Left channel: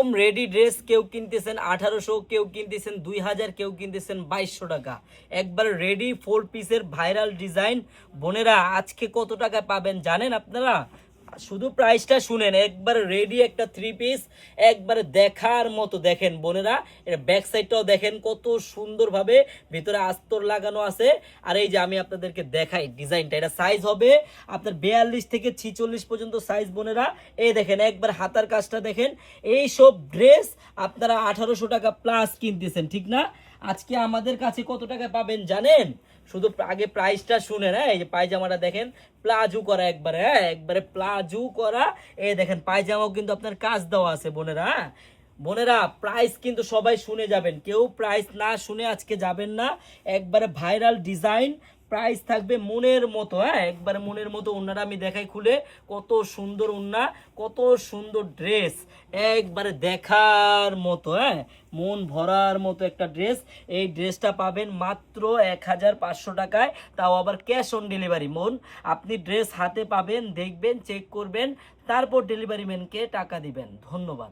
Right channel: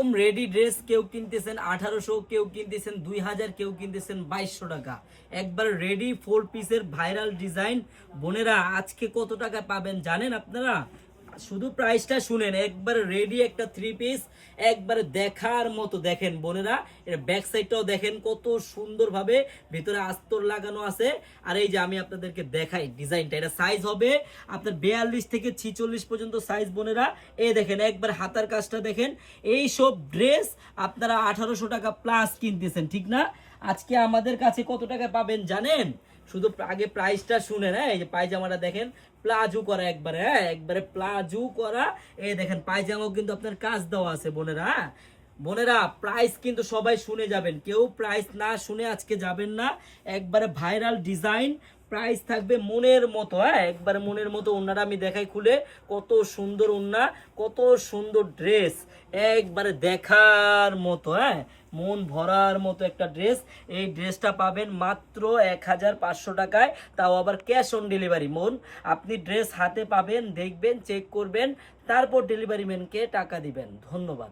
এরকম ready dress কেউ কিনতেছেন আঠারোশো, কেউ কিনতেছেন দুই হাজার, কেউ কিনতেছেন বাইশশো টাকা। একবার রেডি ফোর পিসের ভাইরাল ডিজাইন বোনেরা, আজকে কত টাকা পাবেন জানেন আপনারা? শুধু প্রাইসটা শুনেন, একবার রেডি একটা থ্রি পিস একবারে দেখার মতো দেখেন বোনেরা। এটা ব্যাক সাইডটাও দেখেন কত সুন্দরভাবে, ভিতরে আস্তর লাগানো আছে। আর এই যে আমি আপনাদেরকে দেখাই ডিজাইনটা এটা সাইজ হবে আপনার বেয়াল্লিশ থেকে ছিচল্লিশ পর্যন্ত সাইজ বোনেরা। এই দেখেন, একবার হাতার কাজটা দেখেন। এই সব ড্রেস আপনারা আঠারোশো টাকা প্লাস কিনতেছেন, ঠিক না? আজকে আমাদের কাছে কত টাকা পাবেন জানেন? শুধু আগে প্রাইসটা শুনেন হ্যাঁ এই যে পায়জামাটা দেখেন প্লাজু করা একবারে হ্যাঁ একবারে প্লাজু করা। এই দেখেন, পায়জামাও কিন্তু আপনার কাজ দেওয়া আছে, বোনেরা হ্যাঁ? বোনেরা প্রাইস কিন্তু সবাই শুনে যাবেন। কেউ প্রাইস না শুনে আজকে যাবেন না। একবারে ভাইরাল ডিজাইন প্রাইস থাকবে মনের মতো হ্যাঁ? একবারে মনের মতো ওনারা আমি দেখাই খুলে। কত সুন্দর ওন্না, কত সুন্দর ড্রেস একবারে দেখার মতো হ্যাঁ? মন ভরার মতো একটা ড্রেস এই ড্রেসটা পাবেন মাত্র এক হাজার পাঁচশো টাকায়। তাও আবার ক্যাশ অন ডেলিভারি মন, আপনি ড্রেস হাতে পাবেন, দেখবেন চেক করবেন, তারপর ডেলিভারি ম্যানকে টাকা দিবেন। ধন্যবাদ।